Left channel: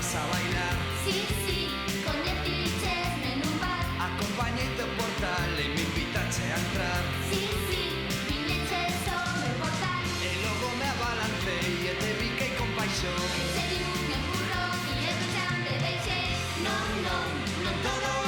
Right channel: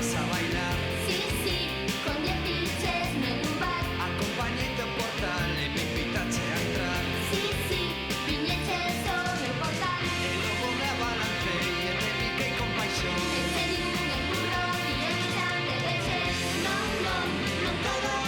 vas a bailar. Sí, sí, con 10 fiches en un bar. Acompañeite ao portal e me invitache a entrar. Sí, sí, viñeche sobre o portal. E logo me abalancei e te biquei con paixón. Eche un empurrón e el xa te deixe. Non, non, non todo